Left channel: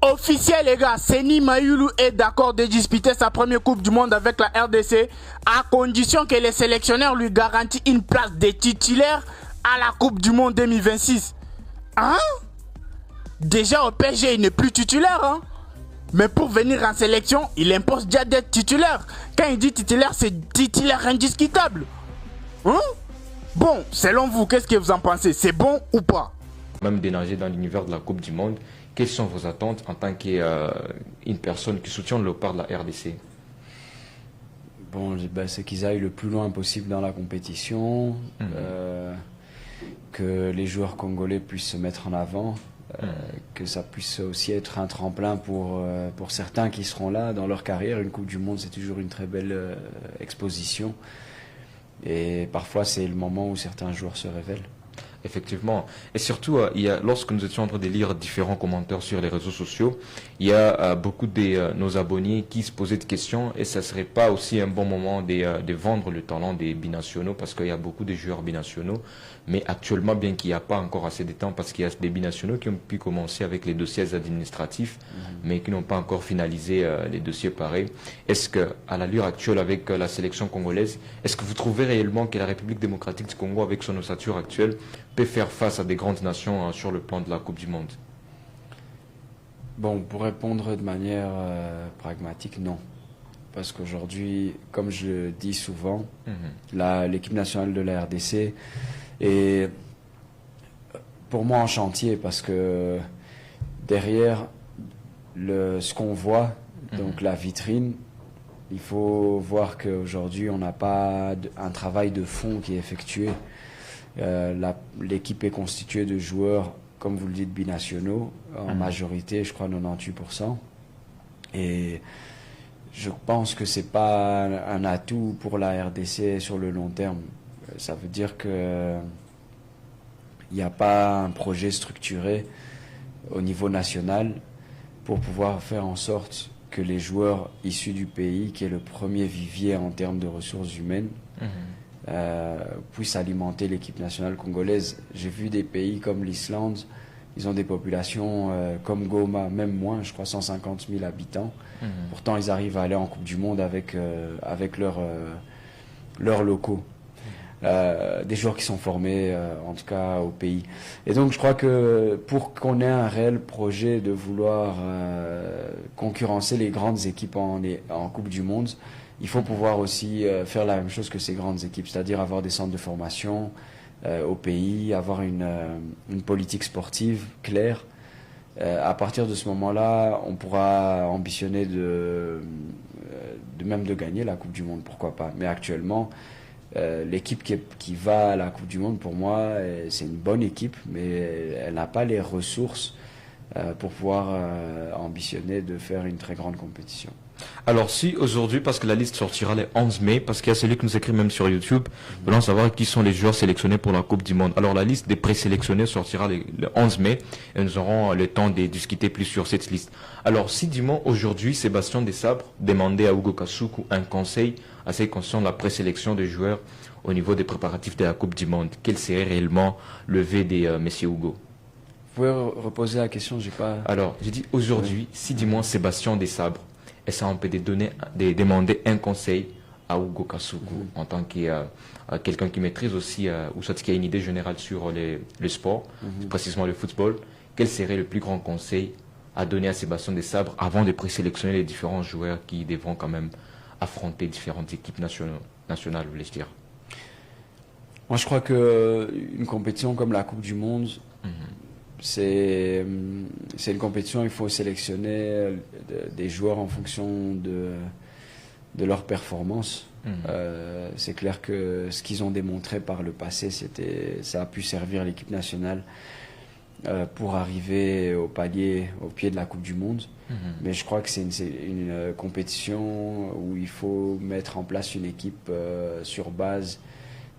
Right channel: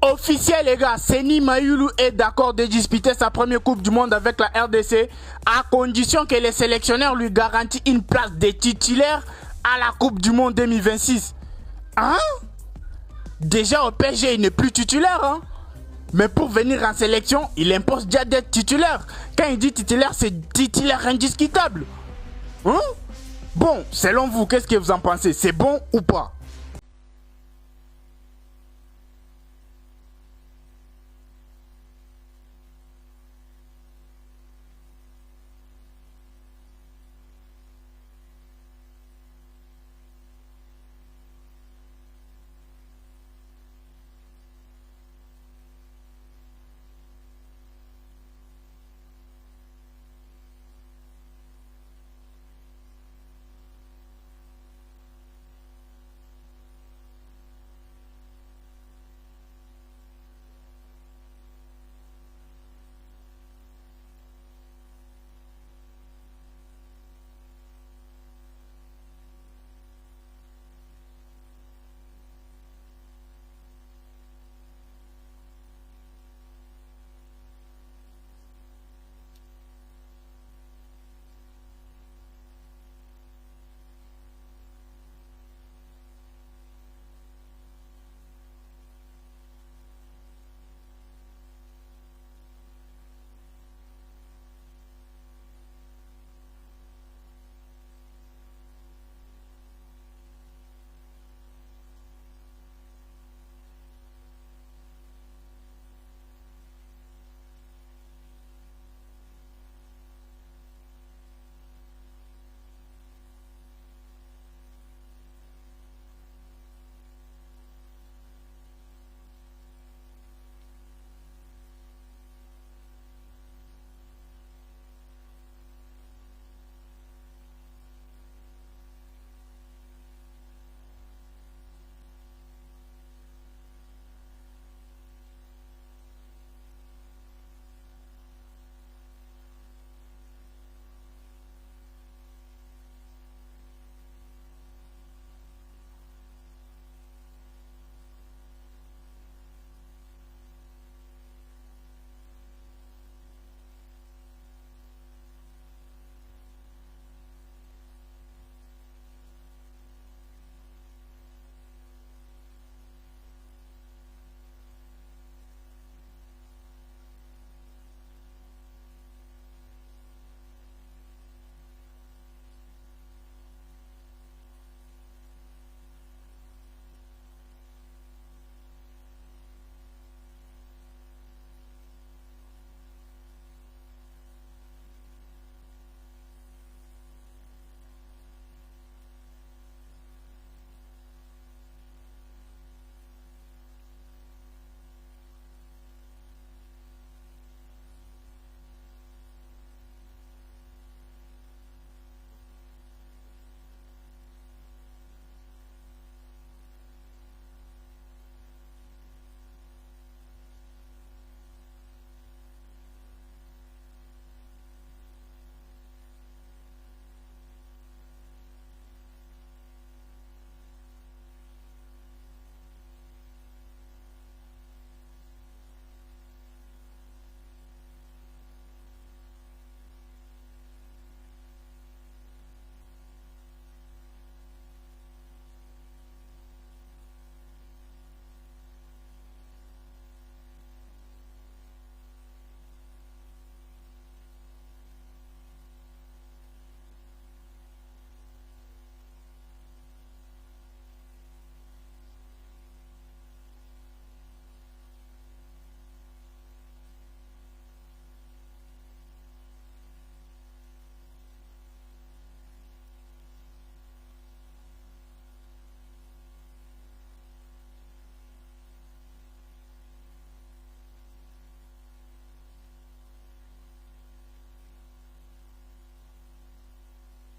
Officiel les gars, Seny Mayulu est d'accord de disputer sa première Coupe du Monde avec la RDC à condition que les sélectionneurs lui garantissent une place de titulaire à la Coupe du Monde 2026. Hein? Déjà au PSG il n'est plus titulaire hein? Mais pour venir en sélection, il impose déjà d'être titulaire. Quand il dit titulaire, c'est titulaire indiscutable. Hein? Bon, selon vous, qu'est-ce que vous en pensez? C'est bon ou pas? Même d'énergie dans l'univers de la Coupe du Monde, quelles sont vos attentes en tant qu'une personne qui soutient le léopard de la RDC? Bon, c'est qu'ils aillent le plus loin possible dans la compétition, que les joueurs congolais puissent se mettre en avant, que ça puisse aussi être un tremplin pour certains qui seront là dans leur carrière. Une Coupe du Monde, c'est toujours une très belle exposition. Et parfois, c'est le moment où certains joueurs se révèlent. Effectivement. Et surtout, lorsque nous étions en train de lire différents commentaires sur les réseaux sociaux, il y a beaucoup de nos abonnés qui se posaient des questions et ça ne serait pas aussi un bon moment de vendre le talent des binationaux parce qu'il y a beaucoup de joueurs binationaux. Mais actuellement, bien qu'il n'y a pas encore assez de temps parce qu'il y a des binationaux qui ont pu commencer avec les dossiers administratifs, mais qui n'ont pas encore finalisé les dossiers pareils. Est-ce qu'à l'allure actuelle avec la sélection congolaise, est-ce que vous trouvez réellement que la République démocratique du Congo, avec son ossature actuelle, peut faire face à des grandes nations sur le plan de la Coupe du Monde? Bon, pour répondre de manière pragmatique, non. Parce qu'aujourd'hui, comme je le dis souvent, l'équipe nationale de la RDC est pour moi en chantier parce que derrière ce qu'on voit, donc la vitrine, il faut voir qu'aujourd'hui on n'a pas un travail de fond qui est effectué. L'équipe est constituée de joueurs, comme vous le dites, binationaux, en majorité, je crois 98%. Et je pense que ce n'est pas un atout pour la RDC sur le long terme. Ça veut dire qu'il n'y a pas un projet structuré au niveau national pour pouvoir faire en sorte que les joueurs issus du pays, qui est le premier vivier en termes de ressources humaines, puissent alimenter l'équipe nationale congolaise. J'ai vu des pays comme l'Islande, ils ont des populations comme Goma, même moins, je crois 150 000 habitants. Pourtant, ils arrivent à aller en Coupe du Monde avec leurs locaux. Des joueurs qui sont formés, en tout cas au pays. Et donc, je crois que pour qu'on ait un réel projet de vouloir concurrencer les grandes équipes en Coupe du Monde, il faut pouvoir aussi faire la même chose que ces grandes équipes, c'est-à-dire avoir des centres de formation au pays, avoir une politique sportive claire. À partir de ce moment-là, on pourra ambitionner même de gagner la Coupe du Monde, pourquoi pas. Mais actuellement, l'équipe qui va à la Coupe du Monde, pour moi, c'est une bonne équipe, mais elle n'a pas les ressources pour pouvoir ambitionner de faire une très grande compétition. Alors si aujourd'hui, parce que la liste sortira le 11 mai, parce qu'il y a celui qui nous écrit même sur YouTube, voulons savoir qui sont les joueurs sélectionnés pour la Coupe du Monde. Alors la liste des présélectionnés sortira le 11 mai et nous aurons le temps de discuter plus sur cette liste. Alors si dis-moi aujourd'hui, Sébastien Desabre demandait à Hugo Kasuku un conseil assez conscient de la présélection des joueurs au niveau des préparatifs de la Coupe du Monde, quel serait réellement le vœu de Monsieur Hugo? Vous pouvez reposer la question, j'ai pas... Alors j'ai dit aujourd'hui, si dis-moi Sébastien Desabre, est-ce qu'on peut demander un conseil à Hugo Kasuku en tant que quelqu'un qui maîtrise aussi, ou soit qui a une idée générale sur le sport, précisément le football, quel serait le plus grand conseil à donner à Sébastien Desabre avant de présélectionner les différents joueurs qui devront quand même affronter différentes équipes nationales, voulais-je dire? Moi, je crois qu'une compétition comme la Coupe du Monde, c'est une compétition où il faut sélectionner des joueurs en fonction de leur performance. C'est clair que ce qu'ils ont démontré par le passé, ça a pu servir l'équipe nationale pour arriver au pied de la Coupe du Monde. Mais je crois que c'est une compétition où il faut mettre en place une équipe sur base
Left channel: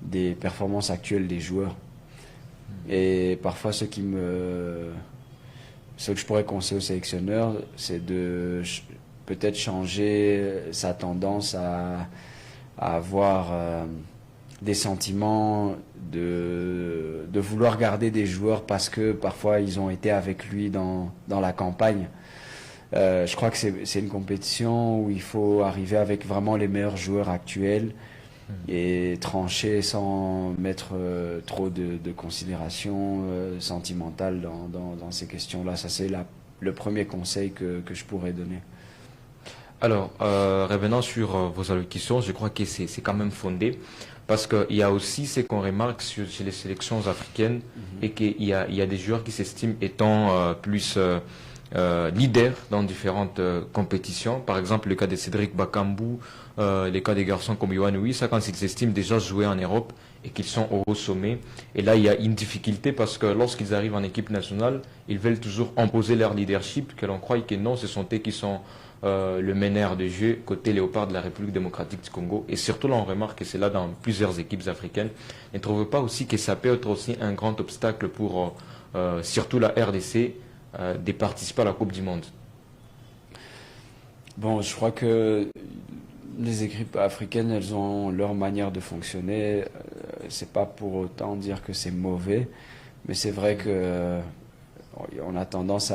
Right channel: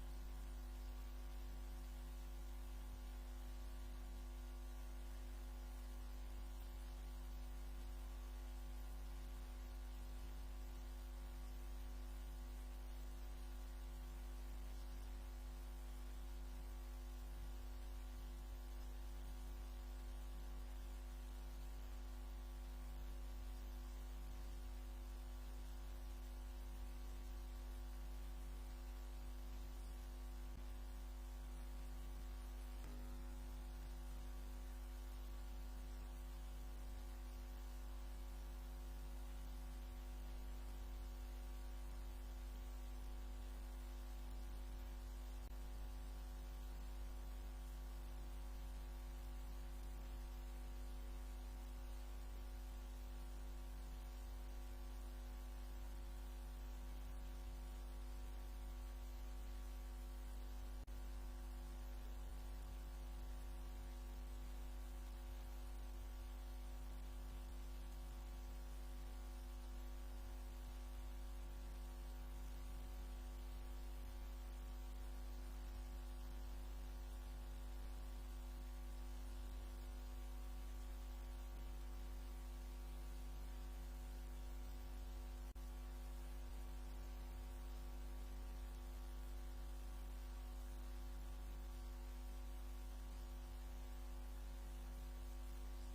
des performances actuelles des joueurs. Et parfois, ce que je pourrais conseiller au sélectionneur, c'est de peut-être changer sa tendance à avoir des sentiments de vouloir garder des joueurs parce que parfois ils ont été avec lui dans la campagne. Je crois que c'est une compétition où il faut arriver avec vraiment les meilleurs joueurs actuels et trancher sans mettre trop de considérations sentimentales dans ces questions-là. Ça, c'est le premier conseil que je pourrais donner. Alors, revenant sur vos allocutions, je crois que c'est quand même fondé parce qu'il y a aussi ce qu'on remarque chez les sélections africaines et qu'il y a des joueurs qui s'estiment étant plus leaders dans différentes compétitions. Par exemple, le cas de Cédric Bakambu, les cas des garçons comme Yohan Uis, ça quand ils s'estiment déjà jouer en Europe et qu'ils sont au sommet. Et là, il y a une difficulté parce que lorsqu'ils arrivent en équipe nationale, ils veulent toujours imposer leur leadership, que l'on croit que non, ce sont eux qui sont le meneur de jeu côté léopard de la République démocratique du Congo. Et surtout, là, on remarque que c'est là dans plusieurs équipes africaines. Ne trouvez pas aussi que ça peut être aussi un grand obstacle pour surtout la RDC de participer à la Coupe du Monde? Bon, je crois que les équipes africaines, elles ont leur manière de fonctionner. C'est pas pour autant dire que c'est mauvais, mais c'est vrai que on a tendance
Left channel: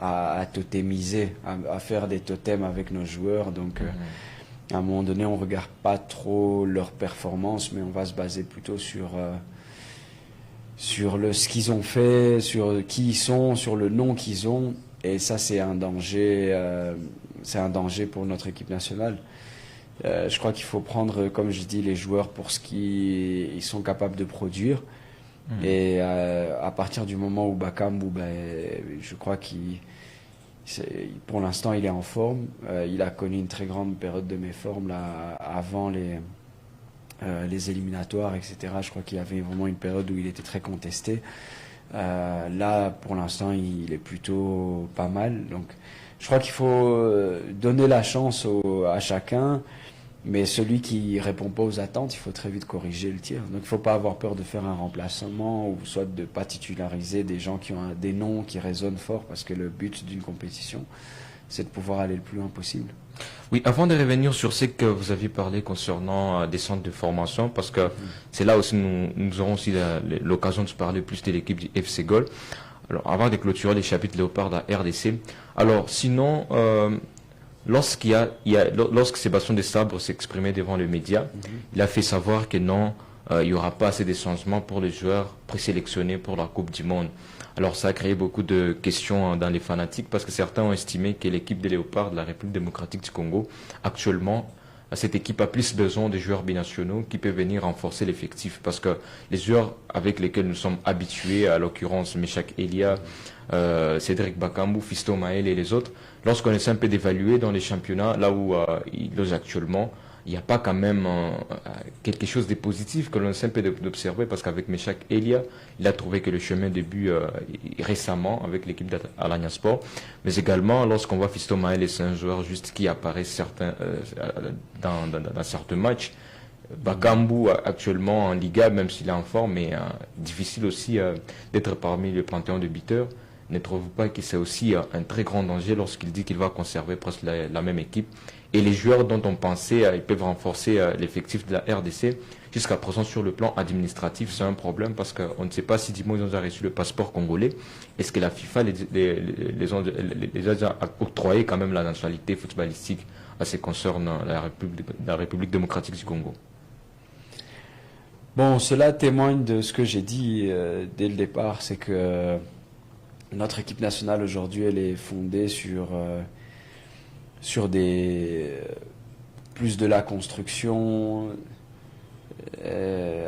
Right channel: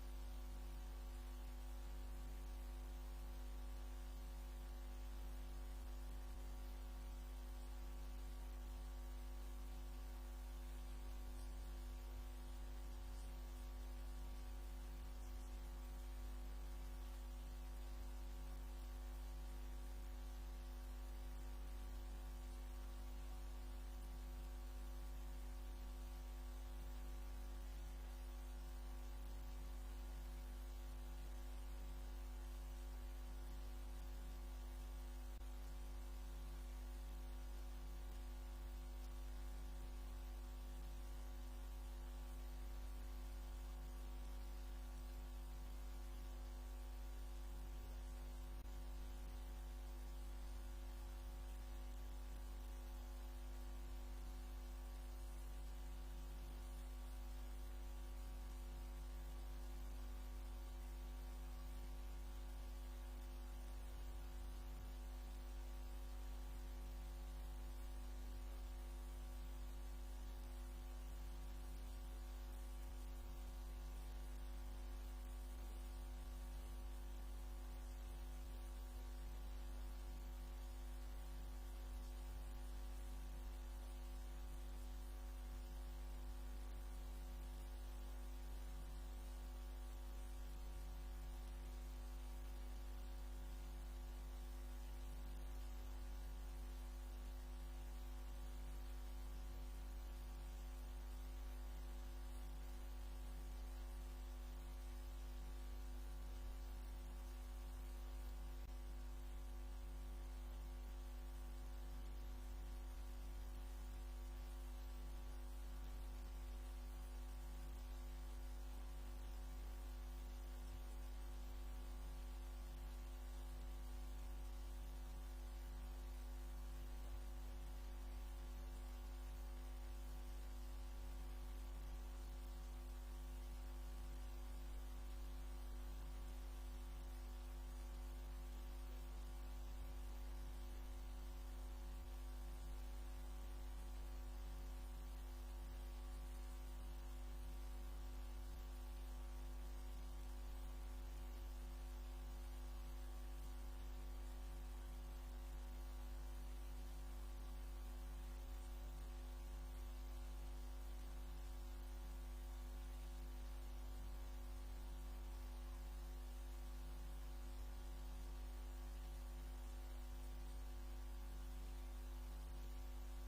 à totémiser, à faire des totems avec nos joueurs. Donc, à un moment donné, on regarde pas trop leur performance, mais on va se baser plutôt sur ce qu'ils ont fait, sur qui ils sont, sur le nom qu'ils ont. Et ça, c'est un danger pour notre équipe nationale. Je crois qu'il faut prendre, comme je dis, les joueurs pour ce qu'ils sont capables de produire. Et à partir du moment où Bakambu, je crois pour l'instant, il est en forme. Il a connu une très grande période de méforme là, avant les éliminatoires, etc. Je crois qu'il y avait vraiment une période où il était très contesté. Là, pour l'instant, il est plutôt pas mal. Donc, je crois qu'il faut donner la chance à chacun, mais celui qui répond pas aux attentes, il faut très vite corriger le tir. Donc, il faut pas avoir peur de faire un remplacement ou soit de pas titulariser des gens qui ont des noms qui résonnent fort, parce que le but d'une compétition, c'est de pouvoir aller le plus loin possible. Oui, avant de revenir sur ce que vous aviez parlé concernant des centres de formation, parce que c'est là aussi nous aurons aussi l'occasion de se parler plus de l'équipe du FC Gol. Alors, avant de clôturer les chapitres Léopard de la RDC, alors sinon, lorsque Sébastien Desabre s'exprimait devant les médias, il a fait savoir que non, il n'y aura pas assez de changements pour les joueurs présélectionnés pour la Coupe du Monde. Alors ça a créé beaucoup de questions dans les fanatiques parce que certains ont estimé que l'équipe des Léopards de la République démocratique du Congo, actuellement, cette équipe a plus besoin de joueurs binationaux qui peuvent venir renforcer l'effectif parce que les joueurs avec lesquels nous sommes habitués, à l'occurrence Meshak Elia, Cédric Bakambu, Fisto Maël et les autres, lorsqu'on essaie un peu d'évaluer dans les championnats, là où ils logent actuellement, il n'y a pas quand même quelque chose de positif que l'on essaie un peu d'observer parce qu'avec Meshak Elia, il a trouvé que le chemin de but récemment avec l'équipe d'Alanya Sport, mais également lorsqu'on voit Fisto Maël, c'est un joueur juste qui apparaît dans certains matchs. Bakambu actuellement en Liga, même s'il est en forme, mais difficile aussi d'être parmi le panthéon de buteurs. Ne trouvez-vous pas que c'est aussi un très grand danger lorsqu'il dit qu'il va conserver presque la même équipe? Et les joueurs dont on pensait ils peuvent renforcer l'effectif de la RDC, jusqu'à présent sur le plan administratif, c'est un problème parce qu'on ne sait pas si ils ont déjà reçu le passeport congolais. Est-ce que la FIFA les a octroyé quand même la nationalité footballistique à ce qui concerne la République démocratique du Congo? Bon, cela témoigne de ce que j'ai dit dès le départ, c'est que notre équipe nationale aujourd'hui, elle est fondée sur plus de la construction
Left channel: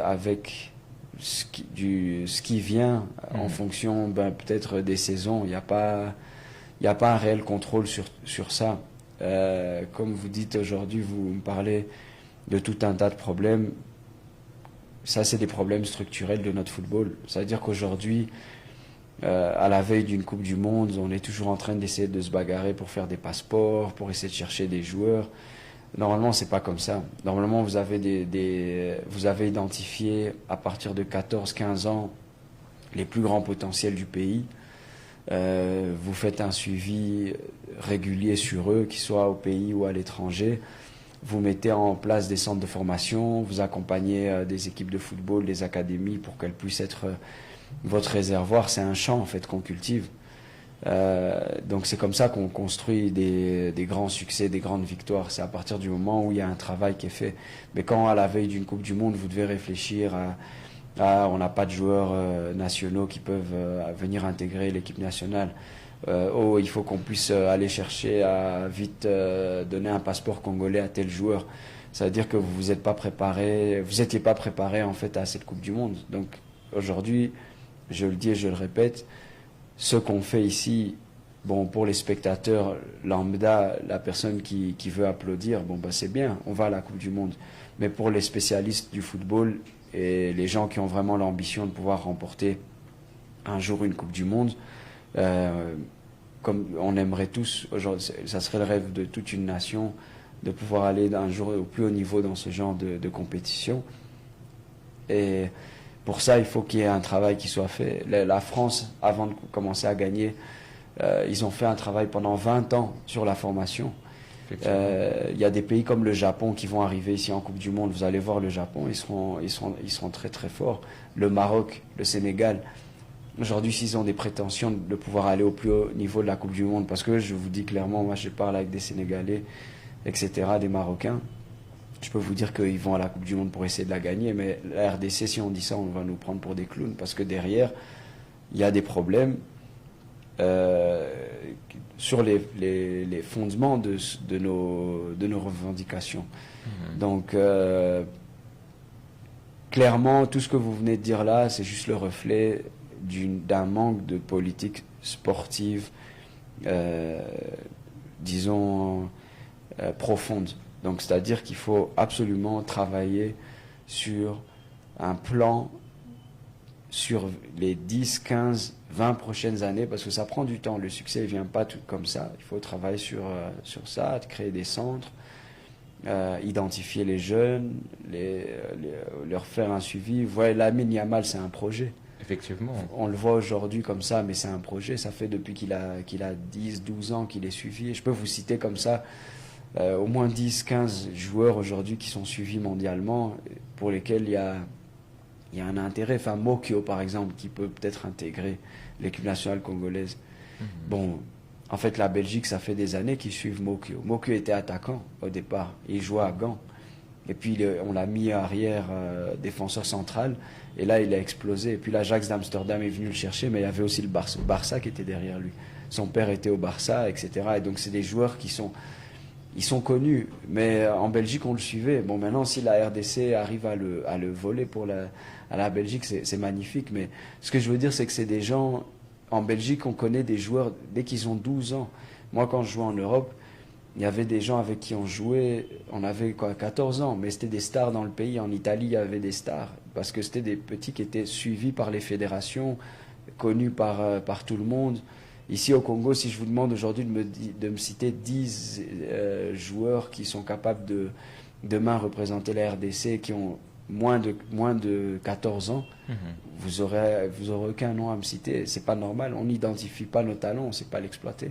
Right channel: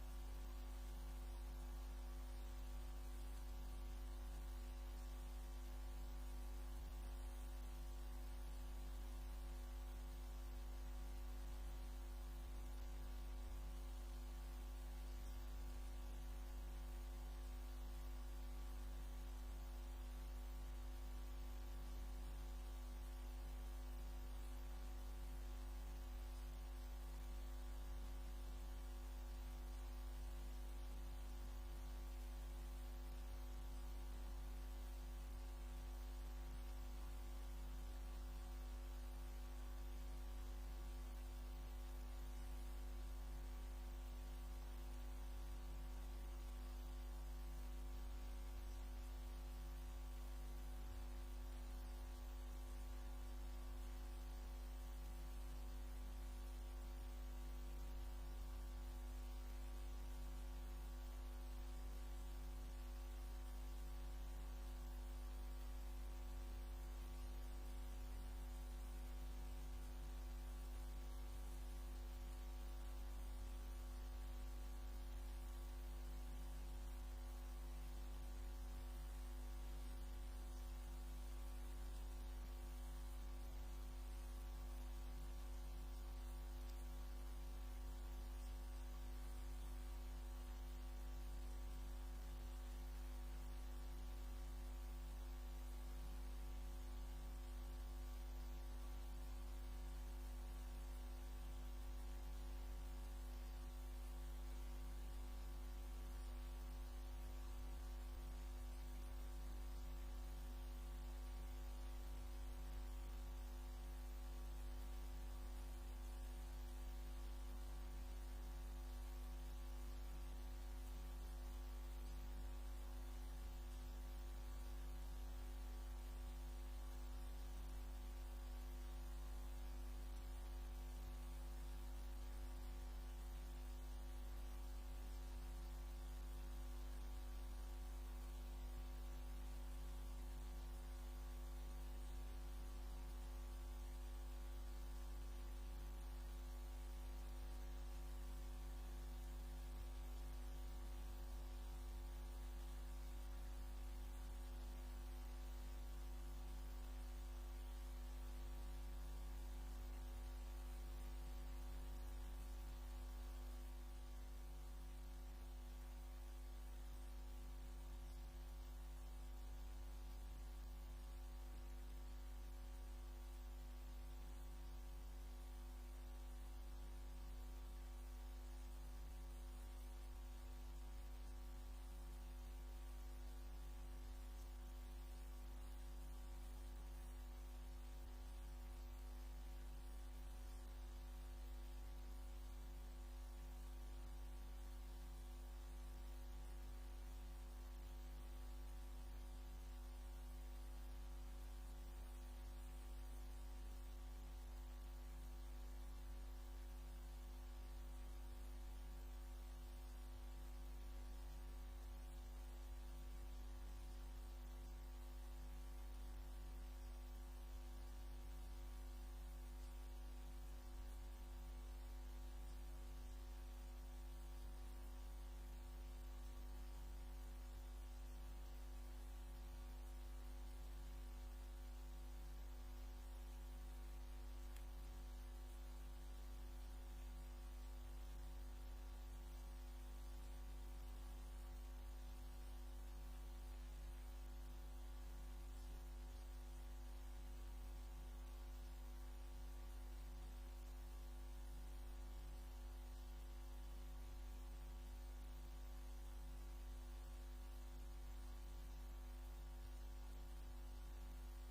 avec ce qui vient en fonction peut-être des saisons. Il n'y a pas un réel contrôle sur ça. Comme vous dites aujourd'hui, vous me parlez de tout un tas de problèmes. Ça, c'est des problèmes structurels de notre football. C'est-à-dire qu'aujourd'hui, à la veille d'une Coupe du Monde, on est toujours en train d'essayer de se bagarrer pour faire des passeports, pour essayer de chercher des joueurs. Normalement, c'est pas comme ça. Normalement, vous avez vous avez identifié à partir de 14-15 ans les plus grands potentiels du pays. Vous faites un suivi régulier sur eux, qu'ils soient au pays ou à l'étranger. Vous mettez en place des centres de formation, vous accompagnez des équipes de football, des académies pour qu'elles puissent être votre réservoir. C'est un champ en fait qu'on cultive. Donc c'est comme ça qu'on construit des grands succès, des grandes victoires. C'est à partir du moment où il y a un travail qui est fait. Mais quand à la veille d'une Coupe du Monde, vous devez réfléchir on n'a pas de joueurs nationaux qui peuvent venir intégrer l'équipe nationale. Il faut qu'on puisse aller chercher à vite donner un passeport congolais à tel joueur. Ça veut dire que vous n'étiez pas préparé en fait à cette Coupe du Monde. Donc aujourd'hui, je le dis et je le répète, ce qu'on fait ici, bon, pour les spectateurs lambda, la personne qui veut applaudir, bon, bah, c'est bien, on va à la Coupe du Monde. Mais pour les spécialistes du football et les gens qui ont vraiment l'ambition de pouvoir remporter un jour une Coupe du Monde, comme on aimerait tous, ça serait le rêve de toute une nation, de pouvoir aller un jour au plus haut niveau dans ce genre de compétition. Et pour ça, il faut qu'il y ait un travail qui soit fait. La France, avant de commencer à gagner, ils ont fait un travail pendant 20 ans sur la formation. Il y a des pays comme le Japon qui vont arriver ici en Coupe du Monde. Vous allez voir le Japon, ils seront très très forts. Le Maroc, le Sénégal. Aujourd'hui, s'ils ont des prétentions de pouvoir aller au plus haut niveau de la Coupe du Monde, parce que je vous dis clairement, moi je parle avec des Sénégalais, etc., des Marocains, je peux vous dire qu'ils vont à la Coupe du Monde pour essayer de la gagner, mais la RDC, si on dit ça, on va nous prendre pour des clowns, parce que derrière, il y a des problèmes sur les fondements de nos revendications. Donc, clairement, tout ce que vous venez de dire là, c'est juste le reflet d'un manque de politique sportive, disons, profonde. Donc, c'est-à-dire qu'il faut absolument travailler sur un plan sur les 10, 15, 20 prochaines années, parce que ça prend du temps. Le succès ne vient pas tout comme ça. Il faut travailler sur ça, créer des centres, identifier les jeunes, leur faire un suivi. Vous voyez, Lamine Yamal, c'est un projet. Effectivement. On le voit aujourd'hui comme ça, mais c'est un projet. Ça fait depuis qu'il a 10, 12 ans qu'il est suivi. Et je peux vous citer comme ça au moins 10, 15 joueurs aujourd'hui qui sont suivis mondialement, pour lesquels il y a un intérêt. Enfin, Mokyo, par exemple, qui peut peut-être intégrer l'équipe nationale congolaise. Bon, en fait, la Belgique, ça fait des années qu'ils suivent Mokyo. Mokyo était attaquant au départ. Il jouait à Gand. Et puis, on l'a mis arrière défenseur central. Et là, il a explosé. Et puis, l'Ajax d'Amsterdam est venu le chercher, mais il y avait aussi le Barça qui était derrière lui. Son père était au Barça, etc. Et donc, c'est des joueurs qui sont connus. Mais en Belgique, on le suivait. Bon, maintenant, si la RDC arrive à le voler à la Belgique, c'est magnifique. Mais ce que je veux dire, c'est que c'est des gens... En Belgique, on connaît des joueurs dès qu'ils ont 12 ans. Moi, quand je jouais en Europe, il y avait des gens avec qui on jouait, on avait 14 ans, mais c'était des stars dans le pays. En Italie, il y avait des stars, parce que c'était des petits qui étaient suivis par les fédérations, connus par tout le monde. Ici au Congo, si je vous demande aujourd'hui de me citer 10 joueurs qui sont capables de demain représenter la RDC, qui ont moins de 14 ans, vous aurez aucun nom à me citer. C'est pas normal, on n'identifie pas nos talents, on ne sait pas l'exploiter.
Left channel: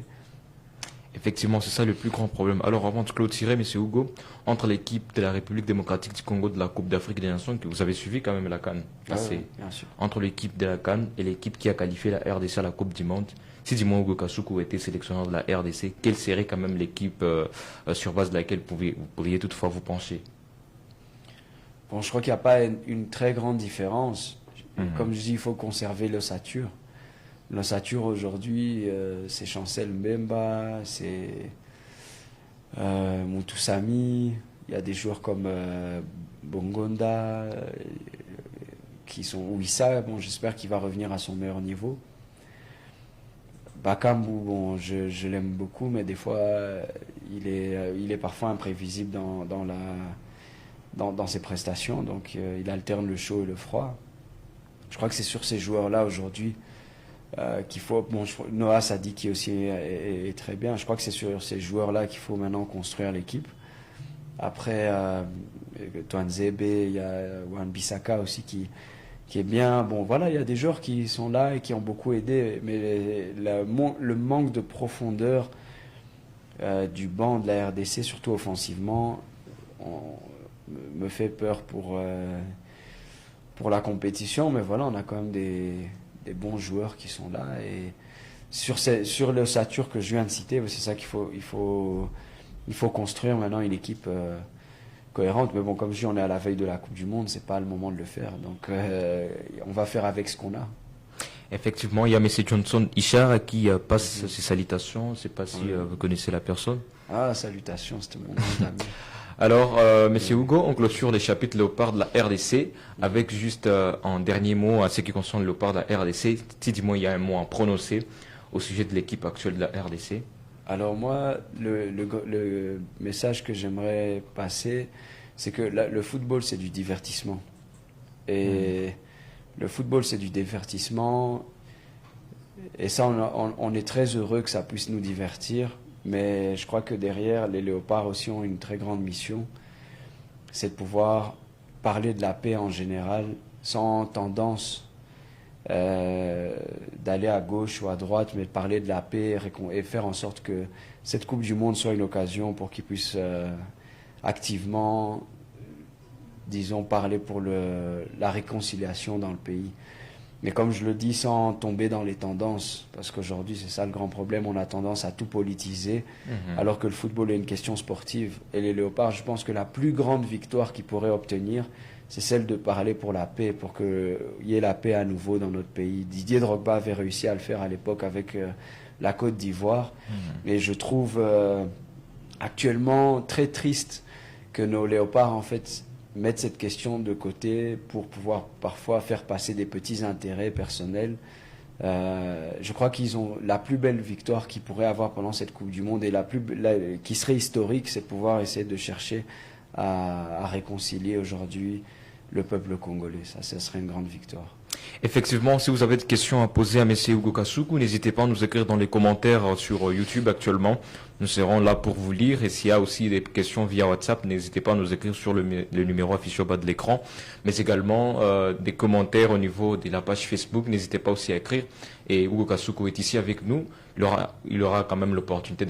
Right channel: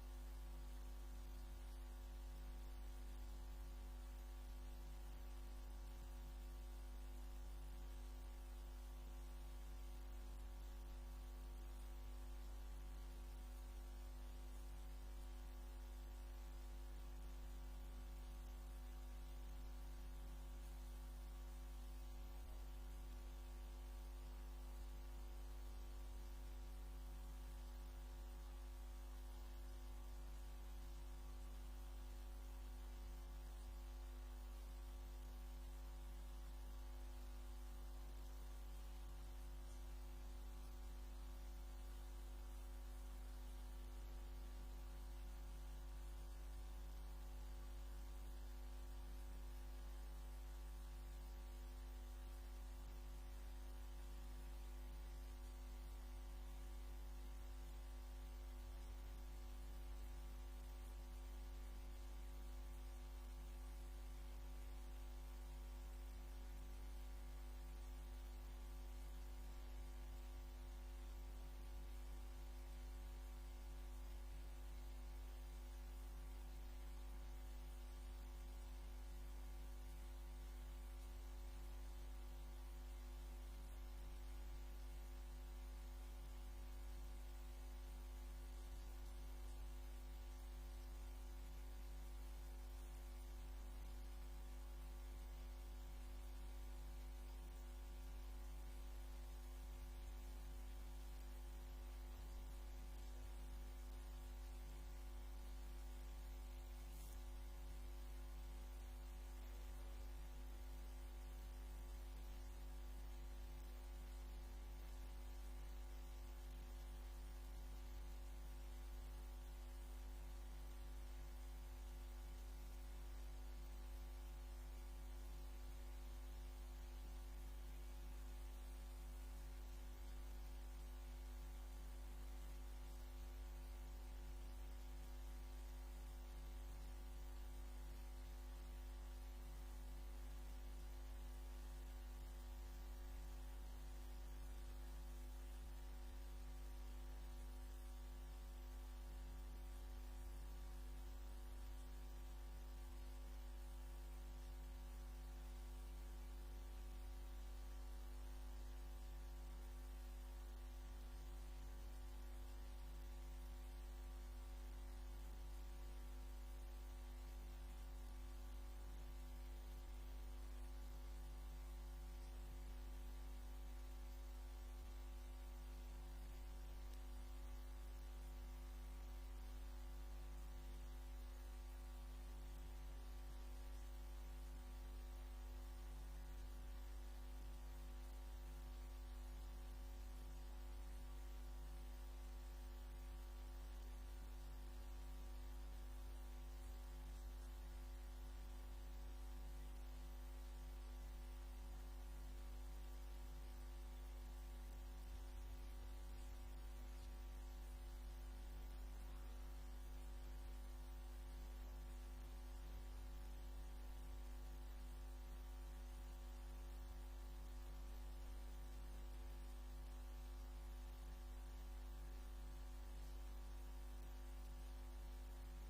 Effectivement, c'est ça le plus grand problème. Alors, avant de clôturer, M. Hugo, entre l'équipe de la République démocratique du Congo de la Coupe d'Afrique des Nations, que vous avez suivi quand même la CAN, Bien sûr. entre l'équipe de la CAN et l'équipe qui a qualifié la RDC à la Coupe du Monde, si Dimon Hugo Kasuku était sélectionneur de la RDC, quelle serait quand même l'équipe sur base de laquelle vous pourriez toutefois vous pencher? Bon, je crois qu'il n'y a pas une très grande différence. Comme je dis, il faut conserver l'ossature. L'ossature aujourd'hui, c'est Chancel Mbemba, c'est Moutoussamy, il y a des joueurs comme Bongonda, qui sont Ouissa, bon, j'espère qu'il va revenir à son meilleur niveau. Bakambu, bon, je l'aime beaucoup, mais des fois, il est parfois imprévisible dans ses prestations, donc il alterne le chaud et le froid. Je crois que c'est sur ces joueurs-là aujourd'hui qu'il faut... Bon, Noah Sadiki aussi est très bien. Je crois que c'est sur ces joueurs-là qu'il faut maintenant construire l'équipe. Après, Toanzebe, il y a Wan-Bissaka aussi qui est bien. Bon, voilà, il y a des joueurs qui sont là et qui ont beaucoup aidé, mais le manque de profondeur du banc de la RDC, surtout offensivement, me fait peur pour la compétition. Mais voilà, on a quand même des bons joueurs qui sont là, et sur l'ossature que je viens de citer, c'est ça il faut construire maintenant une équipe cohérente. Mais bon, comme je dis, on est à la veille de la Coupe du Monde, c'est pas le moment de le faire. Donc, on va faire avec ce qu'on a. Effectivement, il y a M. Johnson Ishar qui passe ses salutations. Je ne sais pas si vous connaissez la personne. Ah, salutations, c'était mon nom d'ami. Alors, Monsieur Hugo, on clôture les chapitres Léopard de la RDC avec juste un dernier mot à ce qui concerne Léopard de la RDC. Dis-moi, il y a un mot à prononcer au sujet de l'équipe actuelle de la RDC. Alors moi, le message que j'aimerais passer, c'est que le football, c'est du divertissement. Et le football, c'est du divertissement. Et ça, on est très heureux que ça puisse nous divertir. Mais je crois que derrière, les Léopards aussi ont une très grande mission. C'est de pouvoir parler de la paix en général, sans tendance d'aller à gauche ou à droite, mais de parler de la paix et faire en sorte que cette Coupe du Monde soit une occasion pour qu'ils puissent activement, disons, parler pour la réconciliation dans le pays. Mais comme je le dis, sans tomber dans les tendances, parce qu'aujourd'hui, c'est ça le grand problème, on a tendance à tout politiser, alors que le football est une question sportive. Et les Léopards, je pense que la plus grande victoire qu'ils pourraient obtenir, c'est celle de parler pour la paix, pour qu'il y ait la paix à nouveau dans notre pays. Didier Drogba avait réussi à le faire à l'époque avec la Côte d'Ivoire. Et je trouve actuellement très triste que nos Léopards, en fait, mettre cette question de côté pour pouvoir parfois faire passer des petits intérêts personnels. Je crois qu'ils ont la plus belle victoire qu'ils pourraient avoir pendant cette Coupe du Monde et qui serait historique, c'est de pouvoir essayer de chercher à réconcilier aujourd'hui le peuple congolais. Ça serait une grande victoire. Effectivement, si vous avez des questions à poser à M. Hugo Kasuku, n'hésitez pas à nous écrire dans les commentaires sur YouTube actuellement. Nous serons là pour vous lire. Et s'il y a aussi des questions via WhatsApp, n'hésitez pas à nous écrire sur le numéro affiché au bas de l'écran. Mais également des commentaires au niveau de la page Facebook. N'hésitez pas aussi à écrire. Et Hugo Kasuku est ici avec nous. Il aura quand même l'opportunité de